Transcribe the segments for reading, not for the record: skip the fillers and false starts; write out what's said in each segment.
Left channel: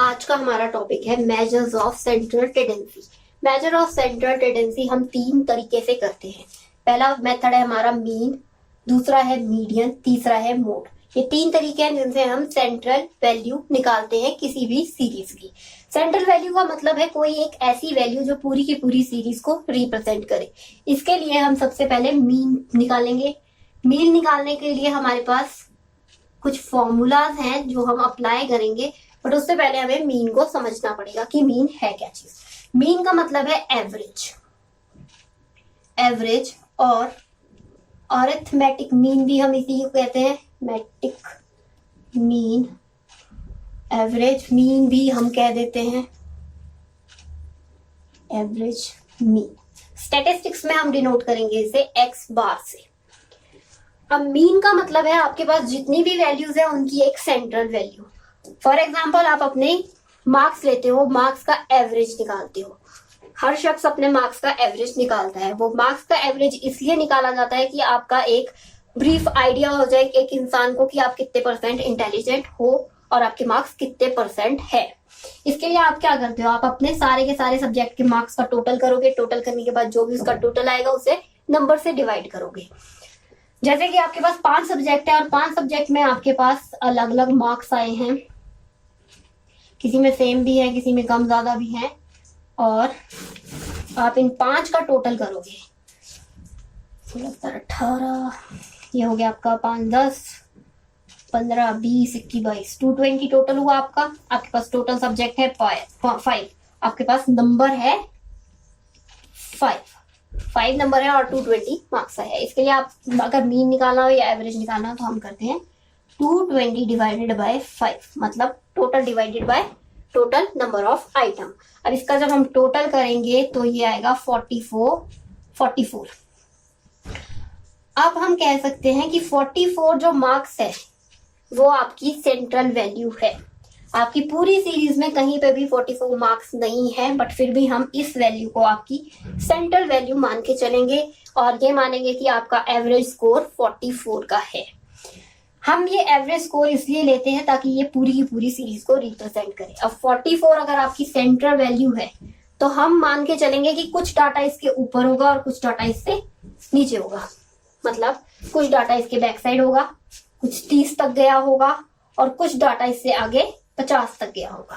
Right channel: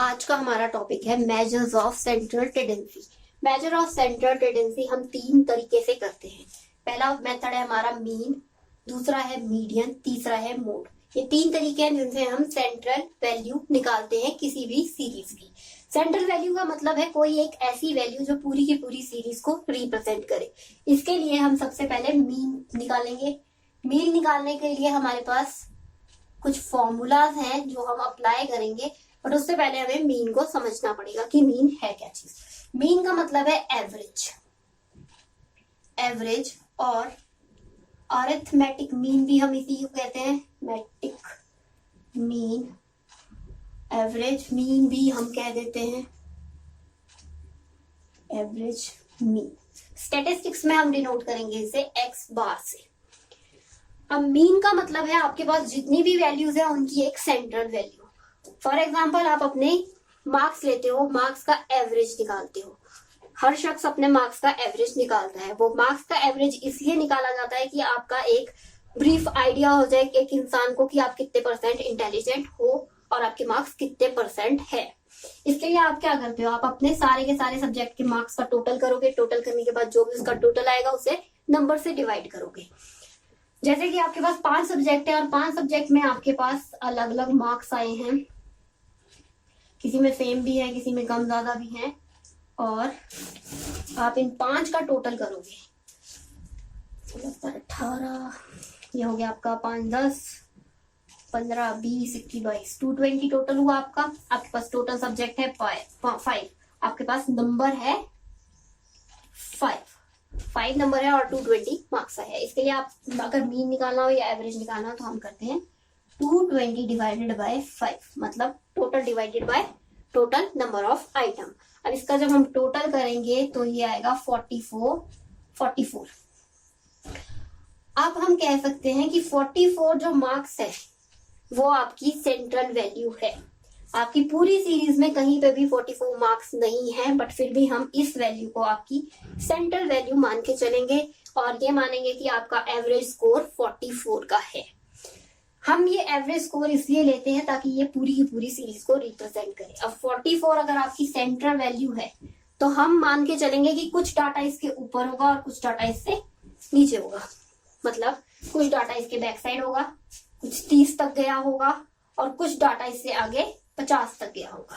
आज का हमारा टॉपिक है measures of central tendency. Measure of central tendency हम तीन तरीके से करते हैं। पहला मेथड है हमारा मीन, दूसरा है मीडियन, तीसरा है मोड। ये तीन तरीके हैं जिनसे हम सेंट्रल वैल्यू निकालते हैं किसी भी सीरीज की। सेंट्रल वैल्यू का मतलब है कोई एक ऐसी वैल्यू जो पूरी की पूरी सीरीज को रिप्रेजेंट करे। इसके लिए हम सबसे पहले मीन निकालेंगे। मीन निकालने के लिए हमारे पास कुछ फॉर्मूलाज हैं जो हम अप्लाई करेंगे, बट उससे पहले हमें मीन को समझना पड़ेगा कि मीन है क्या चीज। मीन का मतलब है एवरेज, एवरेज और अरिथमेटिक मीन भी हम इसी को कहते हैं। मैटिक मीन, एवरेज मीन भी हम कह देते हैं एवरेज मीन। स्टैटिस्टिक्स में हम डिनोट करेंगे इसे एक्स बार से। अब मीन का मतलब है आपके पास जितनी भी वैल्यूज है उनकी एक सेंट्रल वैल्यू। फॉर एग्जाम्पल आप अपने मार्क्स लेते हो, मार्क्स का एवरेज निकालते हो। हर शख्स अपने मार्क्स का एवरेज निकालता है। वो मार्क्स का एवरेज इसलिए निकाला जाता है कि आपका एक ब्रीफ आइडिया हो जाए एक इंसान को कि आप कितने परसेंट इंटेलिजेंट हो और आपके मार्क्स कितने परसेंट है। इसके लिए आप क्या करते हो, आप अपने सारे के सारे सब्जेक्ट के मार्क्स का टोटल करोगे। टोटल करने के बाद जो भी उसका टोटल आएगा उसे नंबर से डिवाइड करोगे। जैसे कि आपके पास 5 सब्जेक्ट है और 5 सब्जेक्ट में आपके पास अलग अलग मार्क्स आए हैं, किसी में सेम भी है, किसी में कम ज्यादा भी है, और आप इन 5 का टोटल करोगे। 18, ये हो गया आपका 5, 10, 15, 20, 21, 22, 220 टोटल हुआ आपका। आपके पास टोटल सब्जेक्ट है 5, आपके पास नंबर है 5 नंबर है और 220 मार्क्स है। इसके लिए आप अगर मीन निकालना हो या एवरेज निकालना हो तो हम करते हैं 220 डिवाइडेड बाय 5, मतलब total divided by total number of item. अब इसका जब हम टोटल करेंगे तो ये आएगा 44। अब हम कह सकते हैं कि 44 जो मार्क्स है वो आपकी सेंट्रल वैल्यू है। आपकी पूरी सीरीज में कहीं पे भी 44 मार्क्स नहीं है, बट फिर भी हम इस वैल्यू को आपकी सेंट्रल वैल्यू मान के चलेंगे और ये मानेंगे कि आपका एवरेज स्कोर 44 का है। हम ये एवरेज स्कोर इसलिए लेते हैं ताकि ये पूरी की पूरी सीरीज को रिप्रेजेंट करे। अब 44 अगर आपकी सेंट्रल वैल्यू है तो हम मान के चलेंगे कि कुछ डाटा इसके ऊपर होगा और कुछ डाटा इससे नीचे होगा। मतलब कुछ डाटा इसके बैक साइड होगा, कुछ 30 तक गया होगा और कुछ डाटा इससे आगे 50 तक गया होगा,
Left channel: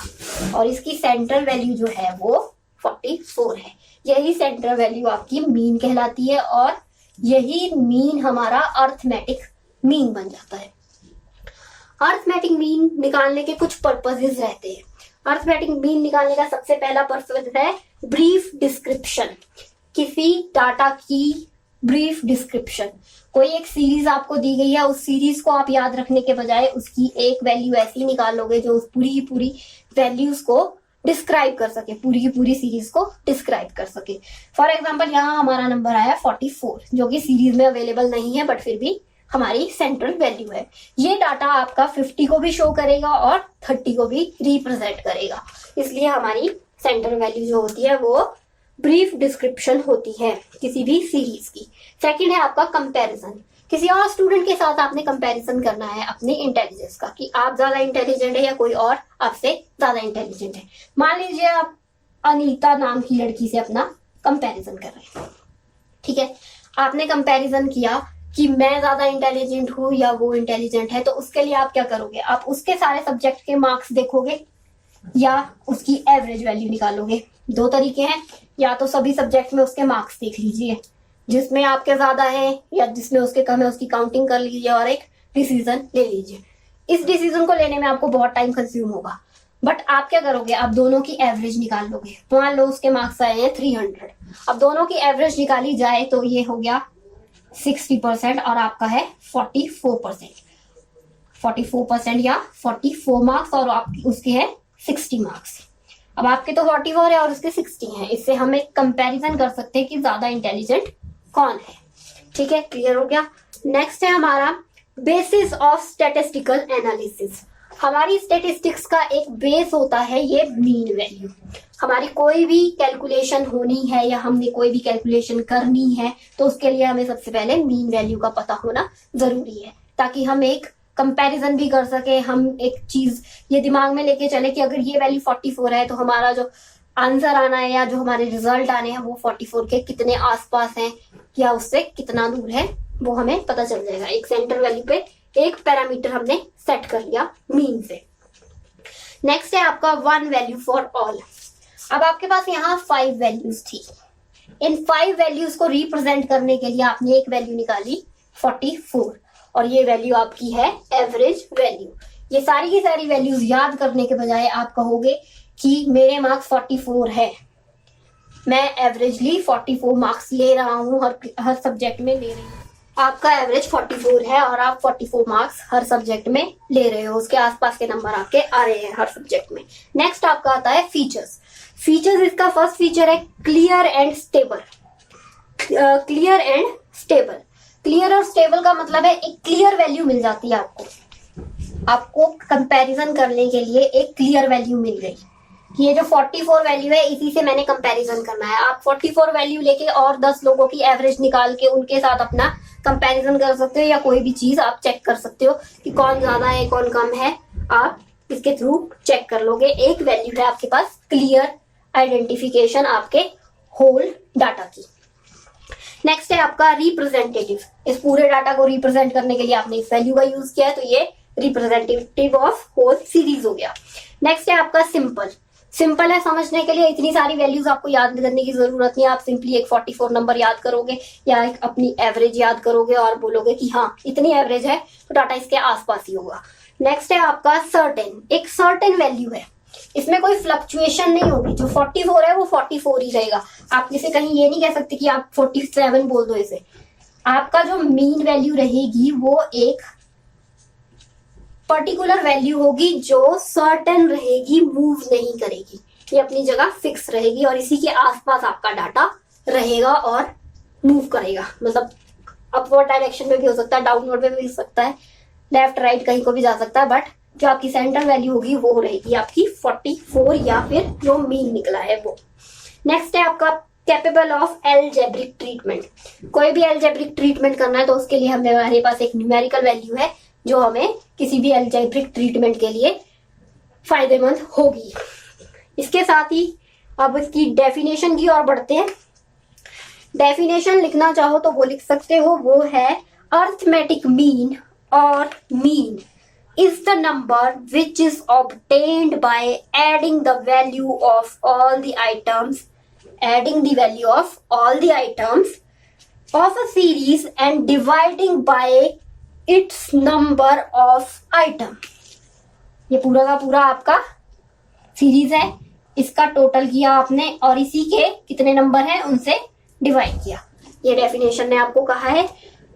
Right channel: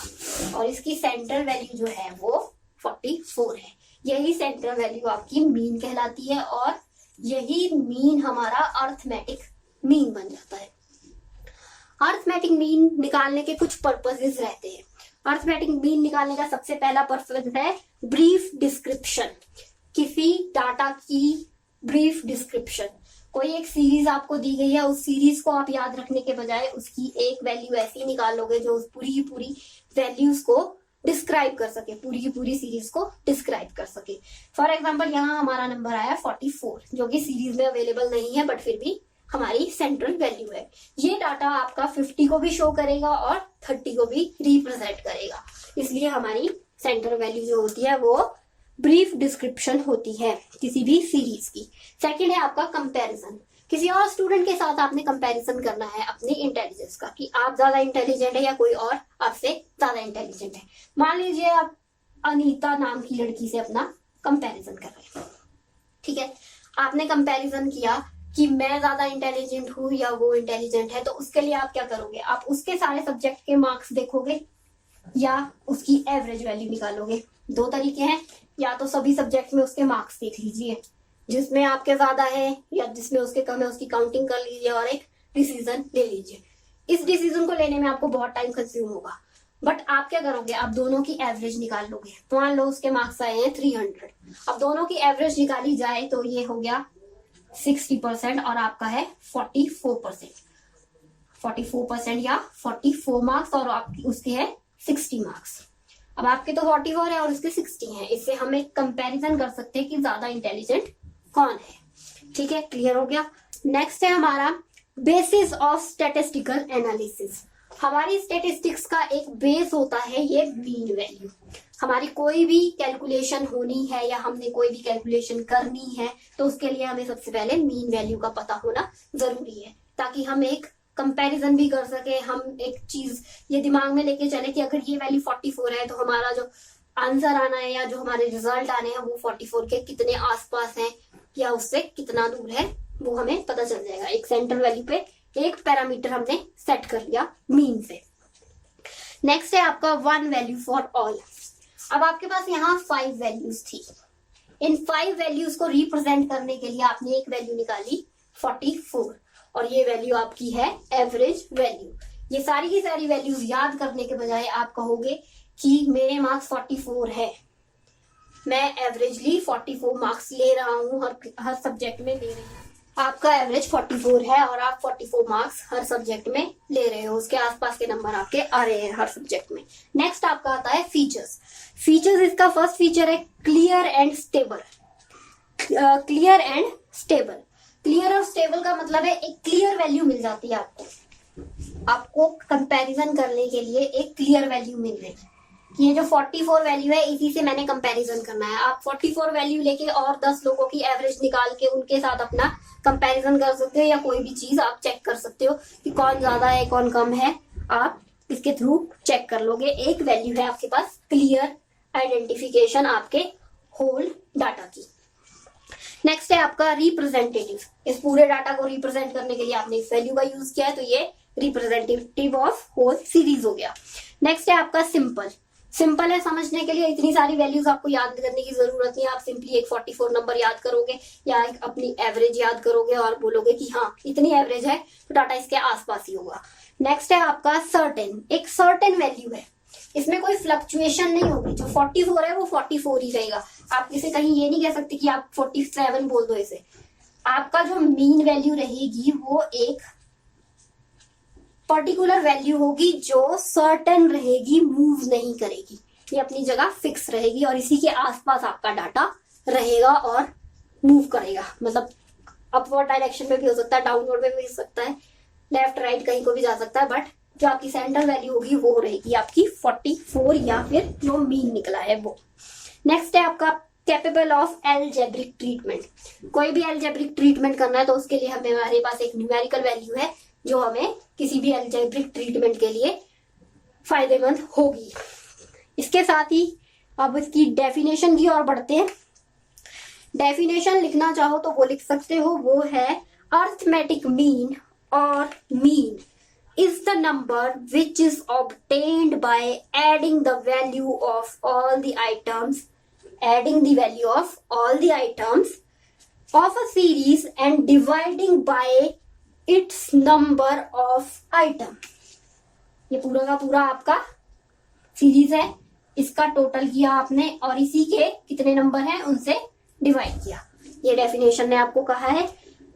और इसकी सेंट्रल वैल्यू जो है वो 44 है। यही सेंट्रल वैल्यू आपकी मीन कहलाती है और यही मीन हमारा अरिथमेटिक मीन बन जाता है। अरिथमेटिक मीन निकालने के कुछ पर्पसेस रहते हैं। अरिथमेटिक मीन निकालने का सबसे पहला पर्पस है ब्रीफ डिस्क्रिप्शन, किसी डाटा की ब्रीफ डिस्क्रिप्शन। कोई एक सीरीज आपको दी गई है, उस सीरीज को आप याद रखने के बजाय उसकी एक वैल्यू ऐसी निकाल लोगे जो उस पूरी की पूरी वैल्यूज को डिस्क्राइब कर सके, पूरी की पूरी सीरीज को डिस्क्राइब कर सके। फॉर एग्जाम्पल यहाँ हमारा नंबर आया 44 जो कि सीरीज में अवेलेबल नहीं है, बट फिर भी हमारी सेंट्रल वैल्यू है। ये डाटा आपका 50 को भी शो करेगा और 30 को भी रिप्रेजेंट करेगा। इसलिए हमारी सेंट्रल वैल्यू जो होती है वो ब्रीफ डिस्क्रिप्शन होती है किसी भी सीरीज की। सेकंड है आपका कंपैरिजन। किसी और स्टूडेंट के साथ आपने कंपैरिजन करना है अपने इंटेलिजेंस का, कि आप ज्यादा इंटेलिजेंट है या कोई और आपसे ज्यादा इंटेलिजेंट है। मान लीजिए आप अनीता नाम की लड़की से अपना कंपैरिजन कर रहे हैं, ठीक है। आपने कंपैरिजन किया कि मैं ज्यादा इंटेलिजेंट हूँ या वो इंटेलिजेंट है, तो उसके लिए आप क्या करोगे, आप उसके सारे सब्जेक्ट के मार्क्स देखोगे या उसकी एवरेज वैल्यू निकालोगे। 2 तरीके हैं, या तो सभी सब्जेक्ट में उसके मार्क्स देख लीजिए, जिसमें आपके ज्यादा है या जिसमें उसके कम है उसकी काउंटिंग कर लीजिए और एक डिसीजन ले लीजिए। इस डिसीजन को लेने में आपको बहुत टाइम कंज्यूम होगा, बट आप क्या करोगे, आप दोनों की एवरेज निकाल लोगे। मान लो उसके मार्क्स आए हैं 300, अब दोनों की एवरेज निकाली जाए तो ये हो गया 60% और आपका है 44%। 44% या 44 मार्क्स और आपकी उसके है 60 मार्क्स। अब आपके तो 44 है और उसके 60 है। इससे हम एक कंपैरिजन कर सकते हैं कि ज्यादा इंटेलिजेंट कौन है। ठीक है, क्लियर हो गया। नेक्स्ट है हमारा बेसिस ऑफ स्टैटिस्टिकल एनालिसिस। हमारी स्टैटिस्टिक्स का एक बेस होता है ये मीन वैल्यू। हमारी कोई भी कैलकुलेशन होनी है या हमने कोई भी कैलकुलेशन करनी है तो उसके लिए हमें सबसे पहले मीन वैल्यू का पता होना जरूरी है, ताकि हम एक कंपैरिजन भी कर सके, हम एक चीज ये दिमाग में लेके चले कि अगर ये वैल्यू 44 है तो हमारा जो आंसर आना है या जो हमारे रिजल्ट आने हैं वो 44 के कितने आसपास हैं या उससे कितना दूर है, वो हमें पता चल जाएगा। एक सेंटर वैल्यू पे एक पैरामीटर हमने सेट कर लिया मीन से। नेक्स्ट है आपका 1 वैल्यू फॉर ऑल। अब आपके पास यहाँ 5 वैल्यूज थी। इन 5 वैल्यूज को रिप्रेजेंट करने के लिए आपने एक वैल्यू निकाली 44 और ये वैल्यू आपकी है एवरेज वैल्यू। ये सारी की सारी वैल्यूज याद करने के बजाय आप कहोगे कि मेरे मार्क्स 44 है, मैं एवरेजली 44 मार्क्स ले रहा हूँ, हर सब्जेक्ट में ले रही हूँ। आपका एवरेज 44 है और आप 44 मार्क्स हर सब्जेक्ट में ले रहे हो, उसके आसपास के नंबर आपके आ रहे हैं हर सब्जेक्ट में। नेक्स्ट आपका आता है फीचर्स। फीचर्स, इसका फर्स्ट फीचर है clear and stable. Clear and stable, clear और स्टेबल का मतलब है एक क्लियर वैल्यू मिल जाती है आपको कंपैरिजन करने के लिए एक क्लियर वैल्यू मिल गई। ये जो 44 वैल्यू है इसी से मैंने कंपैरिजन करना है। आप 44 वैल्यू लेके और 10 लोगों की एवरेज निकाल के उनके साथ अपना कंपैरिजन कर सकते हो या कोई भी चीज आप चेक कर सकते हो कि कौन ज्यादा है कौन कम है, आप इसके थ्रू चेक कर लोगे। एक वैल्यू है आपके पास क्लियर आइडेंटिफिकेशन आपके होल डाटा की। नेक्स्ट है आपका रिप्रेजेंटेटिव। इस पूरे डाटा को रिप्रेजेंट करने के लिए आपने इस वैल्यू का यूज किया है तो ये रिप्रेजेंटेटिव ऑफ होल सीरीज हो गया। नेक्स्ट है आपका सिंपल। सिंपल है समझने के लिए, इतनी सारी वैल्यूज आपको याद करने की जरूरत नहीं है। आप सिंपली एक 44 नंबर याद करोगे या एक अपनी एवरेज याद करोगे और बोलोगे कि हाँ इतनी एवरेज है तो डाटा इसके आसपास ही होगा। नेक्स्ट है आपका सर्टेन। एक सर्टेन वैल्यू है, इसमें कोई फ्लक्चुएशन नहीं होगी। जो 44 है वो 44 ही रहेगा। आप इसे कहीं ये नहीं कह सकते कि आप 47 बोल दो इसे। आपका जो मीन वैल्यू रहेगी वो एक पर्टिकुलर वैल्यू होगी जो सर्टेन रहेगी, मूव नहीं करेगी, ये अपनी जगह फिक्स रहेगी और इसी के आसपास आपका डाटा रहेगा और मूव करेगा। मतलब अपवर्ड डायरेक्शन में भी हो सकता है, डाउनवर्ड में भी हो सकता है, लेफ्ट राइट कहीं को भी जा सकता है, बट जो आपकी सेंटर वैल्यू होगी वो रहेगी आपकी 44 या फिर जो मीन निकला है वो। नेक्स्ट है आपका कैपेबल ऑफ एलजेब्रिक ट्रीटमेंट। कोई भी एलजेब्रिक ट्रीटमेंट करना है तो उसके लिए हमारे पास एक न्यूमेरिकल वैल्यू है जो हमें किसी भी एलजेब्रिक ट्रीटमेंट के लिए फायदेमंद होगी। इसके साथ ही अब इसकी डेफिनेशन की ओर बढ़ते हैं। डेफिनेशन लिखना चाहो तो वो लिख सकते हो, वो है अर्थमेटिक मीन और mean is the number which is obtained by adding the value of all the items of a series and dividing by its number of item। ये पूरा का पूरा आपका सीरीज है, इसका टोटल किया आपने और इसी के कितने नंबर हैं उनसे डिवाइड किया। ये डेफिनेशन ने आपको कहा है।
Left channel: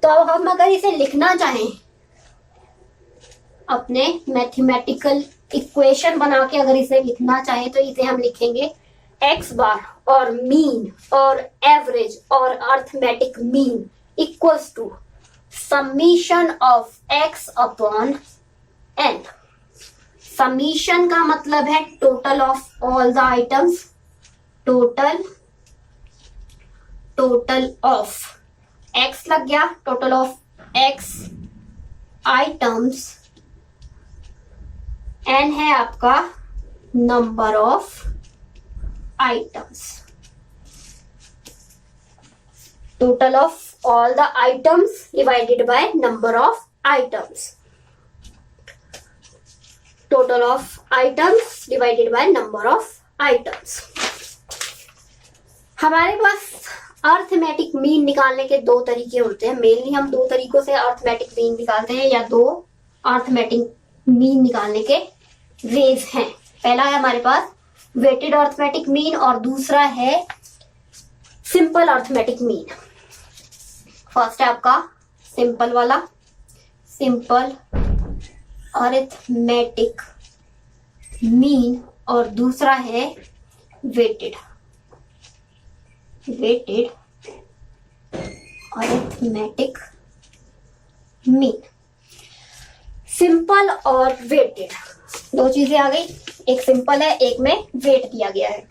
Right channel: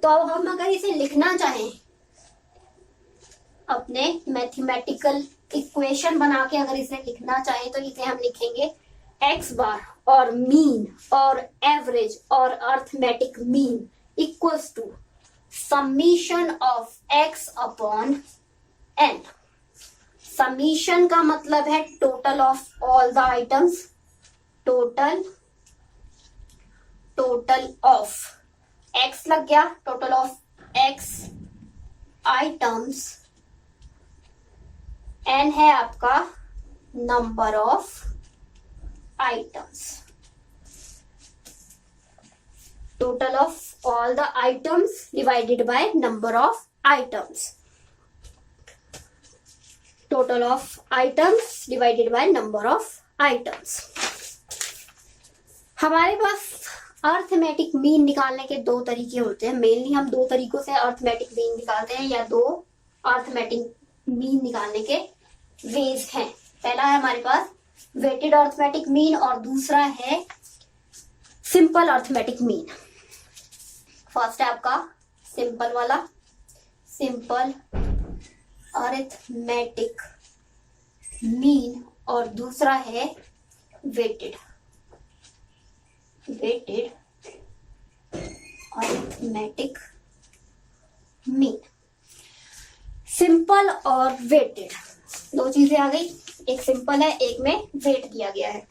तो अब हम अगर इसे लिखना चाहें अपने मैथमेटिकल इक्वेशन बना के अगर इसे लिखना चाहे तो इसे हम लिखेंगे एक्स बार और मीन और एवरेज और arithmetic mean equals to summation of X upon N. Summation का मतलब है total of all the items, total of X लग गया, total of X items, N है आपका number of items, total of all the items divided by number of items, total of items divided by number of items. हमारे पास arithmetic mean निकालने के दो तरीके होते हैं। मेनली हम दो तरीकों से अर्थमेटिक मीन निकालते हैं या दो अर्थमेटिक मीन निकालने के वेज हैं। पहला है हमारे पास वेटेड अर्थमेटिक मीन और दूसरा है सिंपल अर्थमेटिक मीन। फर्स्ट है आपका सिंपल वाला, सिंपल अर्थमेटिक मीन और दूसरा है वेटेड अर्थमेटिक मीन। सिंपल और वेटेड दो चीजें आ गई, एक सिंपल है एक में वेट दिया गया है।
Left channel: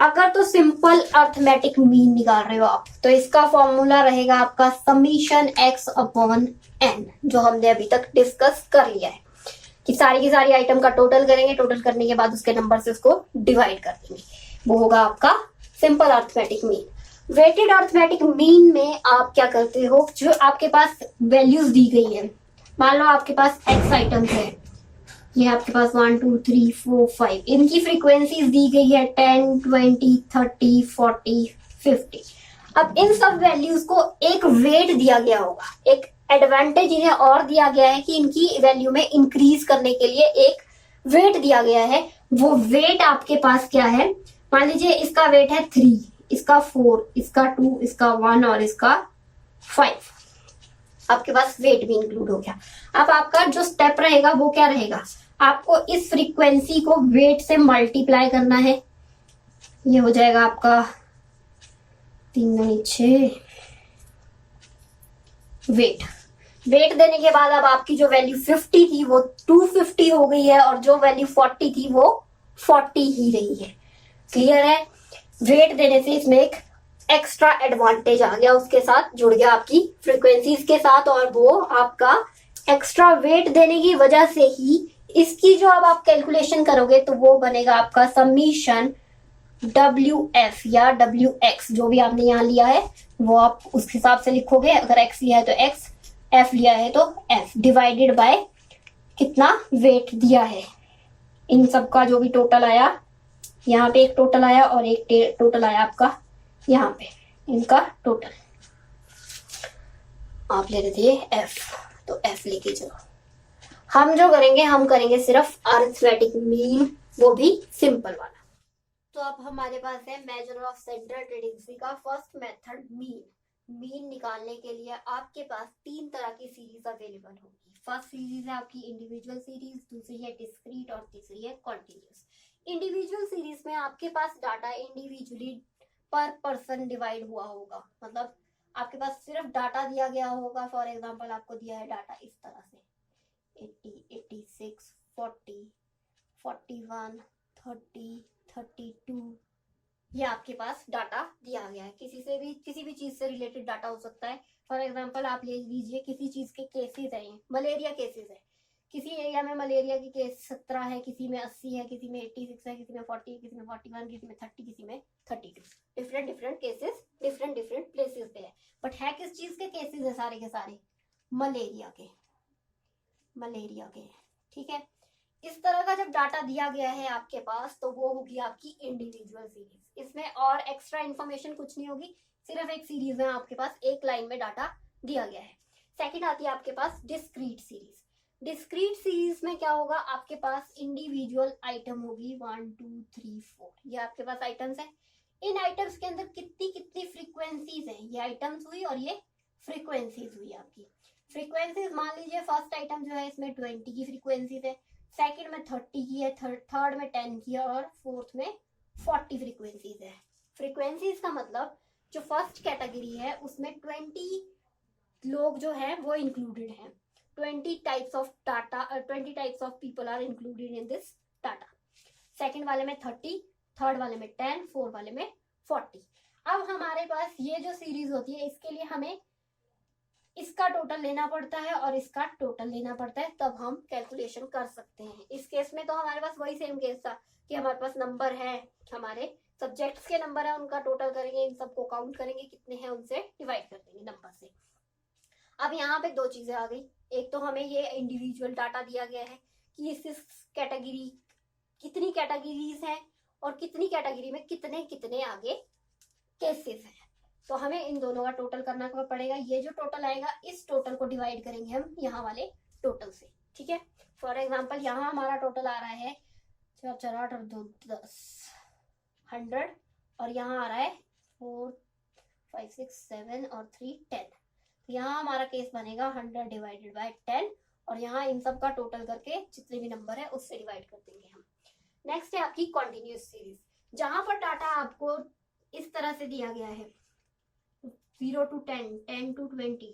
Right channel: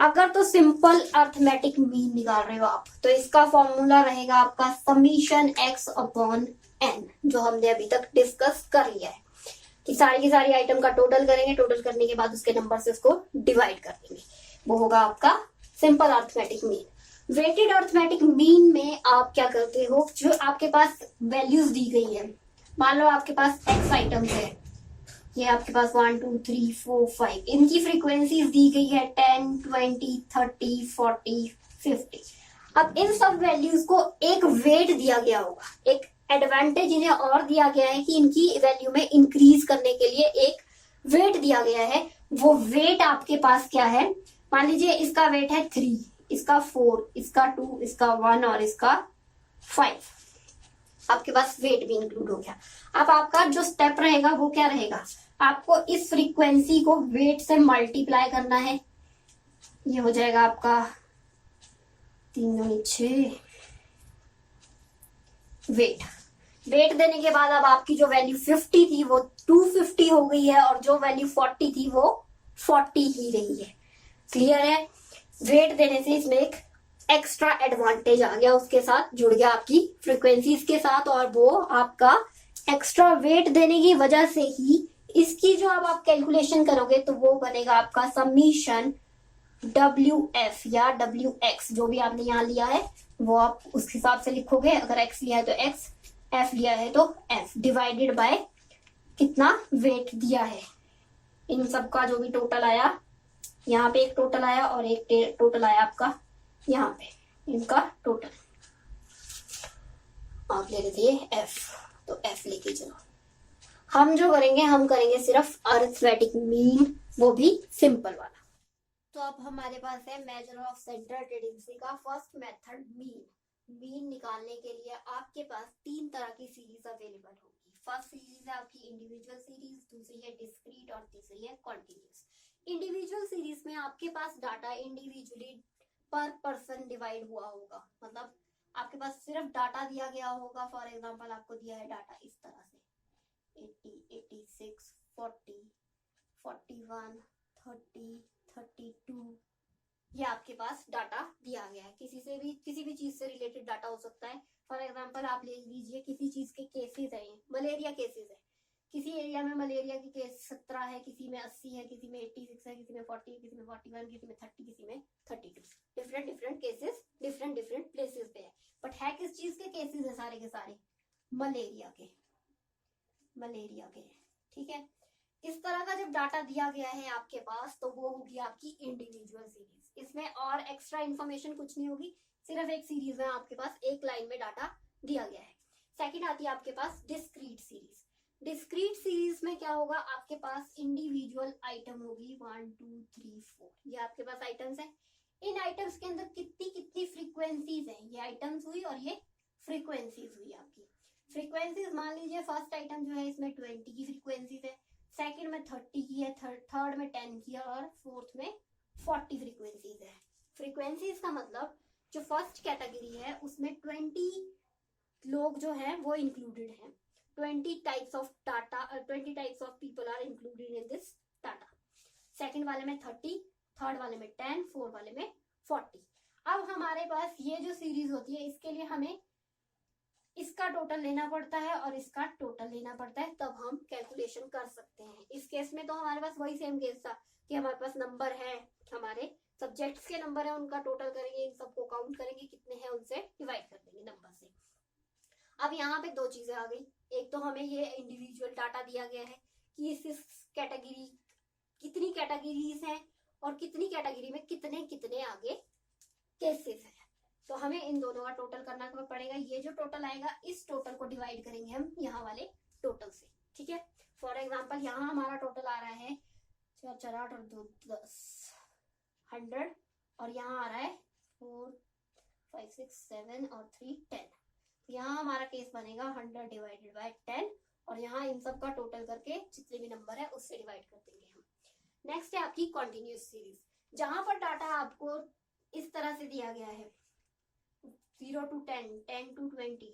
अगर तो सिंपल अर्थमेटिक मीन निकाल रहे हो आप, तो इसका फॉर्मूला रहेगा आपका समीशन x अपॉन n, जो हमने अभी तक डिस्कस कर लिया है कि सारी की सारी आइटम का टोटल करेंगे, टोटल करने के बाद उसके नंबर से उसको डिवाइड कर देंगे, वो होगा आपका simple arithmetic mean. Weighted arithmetic mean में आप क्या करते हो, जो आपके पास वैल्यूज दी गई है, मान लो आपके पास x आइटम्स है, ये आपके पास 1 2 3 4 5, इनकी फ्रीक्वेंसीज दी गई है 10 20 30 40 50। अब इन सब वैल्यूज को एक वेट दिया गया होगा, एक एडवांटेज इन्हें और दिया गया है कि इनकी वैल्यू में इंक्रीज करने के लिए एक वेट दिया गया है। वो वेट आपके पास क्या है, मान लीजिए इसका वेट है 3, इसका 4, इसका 2, इसका 1 और इसका 5, आपके पास वेट भी इंक्लूड हो गया। अब आपका जो स्टेप रहेगा वो क्या रहेगा, आपको इस फ्रीक्वेंसी को वेट से मल्टीप्लाई करना है, ये हो जाएगा आपका 3 6 वेट। वेट देने के बाद अब आपकी जो वैल्यू 50 थी वो 250 हो गई है, और जो वैल्यू 40 थी वो 40 ही रही है। क्लियर है? वेट देने से इसमें एक एक्स्ट्रा एडवांटेज आ गया, उसके साथ जुड़ गया आपकी फ्रीक्वेंसीज के साथ, और वो आपका एक्स्ट्रा वेट देने की वजह से ही इसकी जो अब आप कैलकुलेशन करोगे तो वो बनेगा आपका समीशन WF या WX, जो भी आपने यहाँ लिया है वो आप उस हिसाब से लिखोगे। अगर x लिया है तो x, f लिया है तो f, डिवाइडेड बाय कितना वेट दिया है। इन सब का जो भी टोटल आया, यहाँ पे एक टोटल आया और एक टोटल आया आपका यहाँ पे, इनका टोटल आप ले लेते हैं f, तो f लेके चलो। हम जो करेंगे, हम करेंगे सिर्फ अरिथमेटिक मीन, वो भी सिंपल वाला। तो अब हमारे पास है मेजर ऑफ सेंट्रल टेंडेंसी का फर्स्ट मेथड मीन। मीन निकालने के लिए आपके पास 3 तरह की सीरीज अवेलेबल होगी। फर्स्ट सीरीज है आपकी इंडिविजुअल सीरीज, दूसरी है डिस्क्रीट और तीसरी है कॉन्टिन्यूस। इंडिविजुअल सीरीज में आपके पास डाटा इंडिविजुअली पर पर्सन डिवाइड हुआ होगा, मतलब आपके पास सिर्फ डाटा दिया गया होगा। फॉर एग्जाम्पल आपको दिया है डाटा इस तरह से 80 86 40 41 30 32, ये आपके पास डाटा दिया गया है। किसी भी चीज से रिलेटेड डाटा हो सकता है। फॉर एग्जांपल आप ले लीजिए किसी चीज के केसेस हैं, मलेरिया केसेस है, किसी एरिया में मलेरिया की केस 17 है, किसी में 80 है, किसी में 86 है, किसी में 40, किसी में 41, किसी में 30, किसी में 32। Different different cases different different places पे है, बट है किस चीज के केसेस है सारे के सारे, मलेरिया के, ठीक है। इस तरह का जब डाटा दिया गया है आपके पास, तो वो होगी आपकी इंडिविजुअल सीरीज। इसमें और एक्स्ट्रा इन्फॉर्मेशन कुछ नहीं होगी, सिर्फ एक सीरीज में आपके पास एक लाइन में डाटा दिया गया है। सेकंड आती है आपके पास डिस्क्रीट सीरीज। डिस्क्रीट सीरीज में क्या होगा, आपके पास इंडिविजुअल आइटम होगी 1 2 3 4, ये आपके पास आइटम्स है। इन आइटम्स के अंदर कितनी कितनी फ्रीक्वेंसीज है, ये आइटम्स हुई और ये फ्रीक्वेंसीज हुई आपकी। फ्रीक्वेंसीज मान लीजिए फर्स्ट आइटम जो है इसमें 20 की फ्रीक्वेंसीज है, सेकंड में 30 की है, थर्ड में 10 की है, और फोर्थ में 40 फ्रीक्वेंसीज है। फ्रीक्वेंसीज का मतलब जो फर्स्ट कैटेगरी है उसमें 20 लोग जो है वो इंक्लूडेड हैं, 20 types of data, 20 types of people are included in this data. Second वाले में 30, थर्ड वाले में 10, फोर्थ वाले में 40। अब हमारे पास ये जो सीरीज होती है, इसके लिए हमें इसका टोटल लेना पड़ता है और इसका टोटल लेना पड़ता है, तब हम कैलकुलेशन कर सकते हैं। इस केस में तो हमारे पास वही सेम केस था कि हमारे पास नंबर है, हमारे सब्जेक्ट्स के नंबर है, उनका टोटल करेंगे, इन सबको काउंट करेंगे कितने हैं, उनसे डिवाइड कर देंगे नंबर से। अब यहाँ पे 2 चीजें आ गई, एक तो हमें ये इंडिविजुअल डाटा दिया गया है कि इस कैटेगरी कितनी कैटेगरीज हैं और कितनी कैटेगरी में कितने कितने आगे केसेस हैं, तो हमें इन दोनों का टोटल करना पड़ेगा। ये जो टोटल आएगा इस टोटल को डिवाइड करेंगे हम यहाँ वाले टोटल से, ठीक है। फॉर एग्जांपल यहाँ हमारा टोटल आ रहा है 4 4 8 और 2 10 100, और यहाँ आ रहा है 4 5 6 7 और 3 10। यहाँ हमारा केस बनेगा 100 डिवाइडेड बाय 10, और यहाँ इन सब का टोटल करके जितने भी नंबर है उससे डिवाइड कर देंगे हम। नेक्स्ट है आपकी कॉन्टिन्यूस सीरीज, जहां पर डाटा आपको इस तरह से दिया गया है 0 to 10, 10 to 20,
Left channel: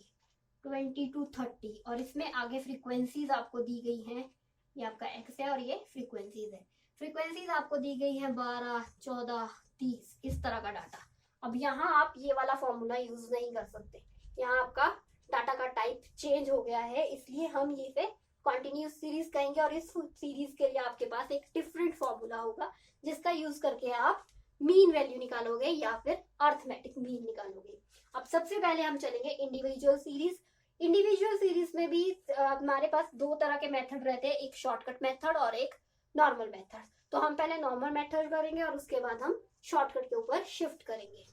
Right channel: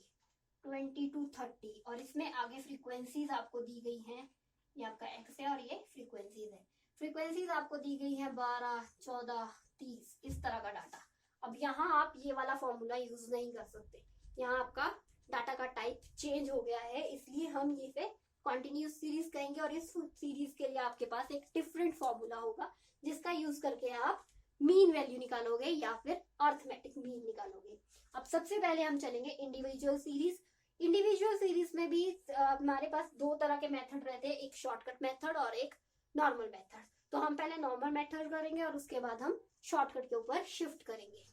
20 to 30, और इसमें आगे फ्रीक्वेंसीज आपको दी गई हैं, ये आपका एक्स है और ये फ्रीक्वेंसीज है। फ्रीक्वेंसीज आपको दी गई है 12 14 30 इस तरह का डाटा। अब यहाँ आप ये वाला फॉर्मूला यूज नहीं कर सकते, यहाँ आपका डाटा का टाइप चेंज हो गया है, इसलिए हम ये से कॉन्टिन्यूस सीरीज कहेंगे और इस सीरीज के लिए आपके पास एक डिफरेंट फॉर्मूला होगा जिसका यूज करके आप मीन वैल्यू निकालोगे या फिर अर्थमेटिक मीन निकालोगे। अब सबसे पहले हम चलेंगे इंडिविजुअल सीरीज। इंडिविजुअल सीरीज में भी हमारे पास दो तरह के मेथड रहते हैं, एक शॉर्टकट मेथड और एक नॉर्मल मेथड। तो हम पहले नॉर्मल मेथड करेंगे और उसके बाद हम शॉर्टकट के ऊपर शिफ्ट करेंगे।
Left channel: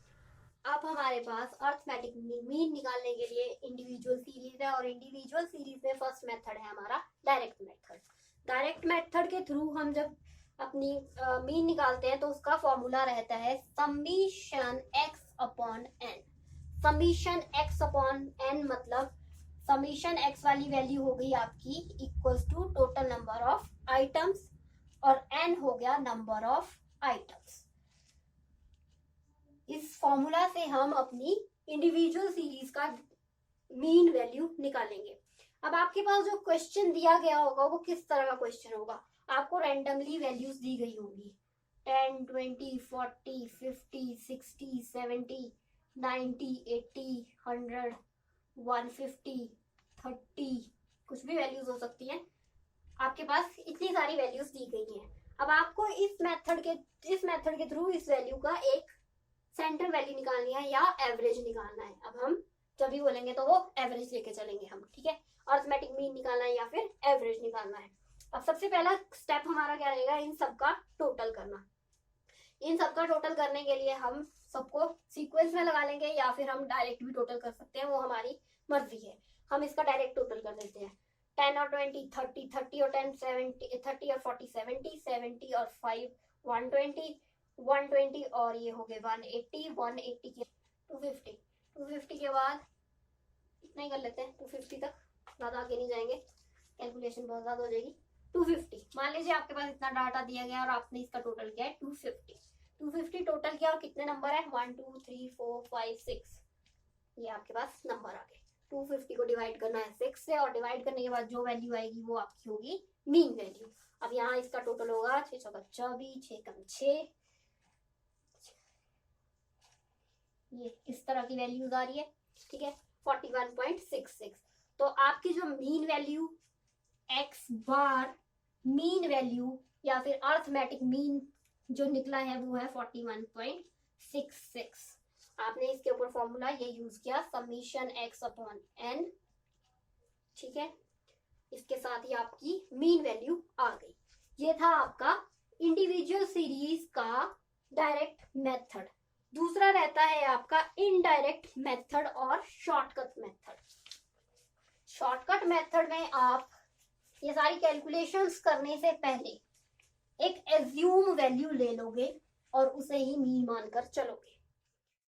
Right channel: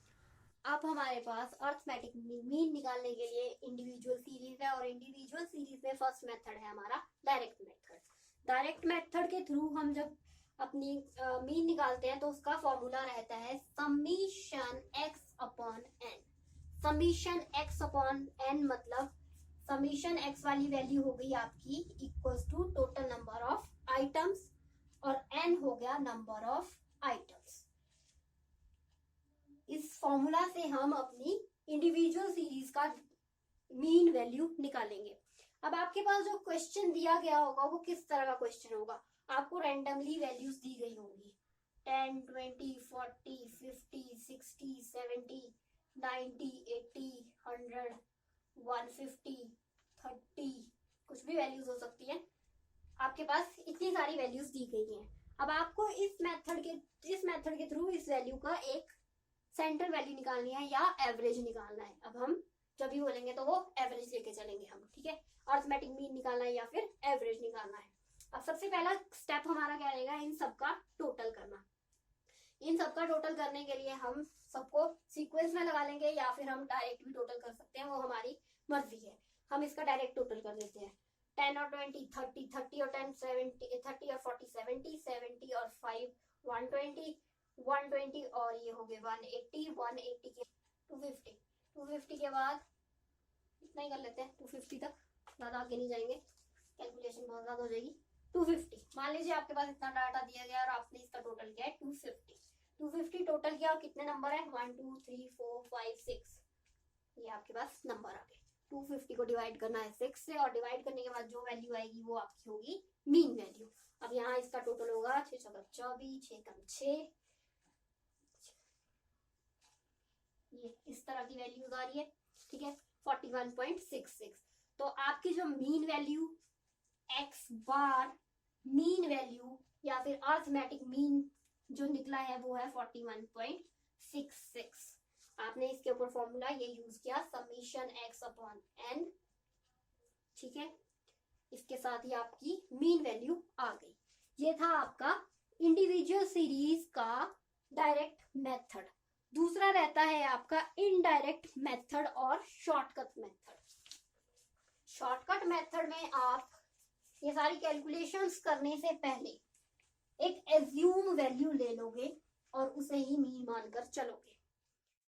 अब हमारे पास अर्थमेटिक मीन निकालने के लिए इंडिविजुअल सीरीज है और इंडिविजुअल सीरीज में फर्स्ट मेथड है हमारा डायरेक्ट मेथड। डायरेक्ट मेथड के थ्रू हम जब अपनी मीन निकालते हैं तो उसका फॉर्मूला रहता है summation X upon N. Summation X upon N मतलब समीशन एक्स वाली वैल्यू हो गई आपकी equals to total number of items और एन हो गया नंबर ऑफ आइटम्स। इस फॉर्मूला से हम अपनी इंडिविजुअल सीरीज का मीन वैल्यू निकालेंगे। अब आपके पास जो क्वेश्चन दिया गया होगा वो किस तरह का क्वेश्चन होगा, आपको रैंडमली वैल्यूज दी गई होंगी 10, 20, 40, 50, 60, 70, 90, 80, 100, 150, 30, कुछ भी वैल्यूज हो सकती हैं। आपके पास इतनी सारी वैल्यूज दी गई हैं। अब आपको इस मेथड के थ्रू इस वैल्यू का एक सेंटर वैल्यू निकालनी है या एवरेज निकालना है। अब हम जब भी बोलेंगे तो वो एवरेज लेके चलेंगे हम, ठीक है। अर्थमेटिक मीन निकालना है या फिर एवरेज निकालना है। अब सबसे पहला स्टेप हमारा क्या रहेगा, इन सबका टोटल करना। इन सबका टोटल करने के लिए हम सबको सीक्वेंस में लगा लेंगे या फिर हम डायरेक्ट भी टोटल कर सकते हैं, वो हमारी मर्जी है। हम इसका डायरेक्ट टोटल कर देते हैं। 10 और 20 30, 30 और 10 70, 30 और 40 70, 70 और 5 120, 120 और ये हो गए 180, 180 के 250, 250 के बाद इतना ही कर लेते हैं 250 तक, ज्यादा आगे नहीं जाएंगे, कैलकुलेशन बहुत ज्यादा हो जाएगी। 250 मान लीजिए आपके पास इतना डाटा दिया गया और आपने इसका टोटल किया है 250 टोटल किया और कितने नंबर है 1 2 3 4 5 6, ये आपके पास नंबर आ गए। 250 को डिवाइड करना है 6 से और डिवाइड करने के बाद जो वैल्यू आएगी वो आपकी होगी मीन वैल्यू। अब यहाँ इसका टोटल होगा 6 चौका 24, 6 कम 6, ये इस तरह की वैल्यूज आ रही है, ठीक है 41.66। तो आपकी जो मीन वैल्यू एक्स बार मीन वैल्यू या फिर अर्थमेटिक मीन जो निकला है वो है 41.66। आपने इसके ऊपर फॉर्मूला ये यूज किया समीशन एक्स अपॉन एन, ठीक है। इसके साथ ही आपकी मीन वैल्यू आ गई। ये था आपका इंडिविजुअल सीरीज का डायरेक्ट मेथड। दूसरा रहता है आपका इनडायरेक्ट मेथड और शॉर्टकट मेथड। शॉर्टकट मेथड में आप ये सारी कैलकुलेशंस करने से पहले एक एज्यूम वैल्यू ले लोगे और उसे ही मीन मानकर चलोगे।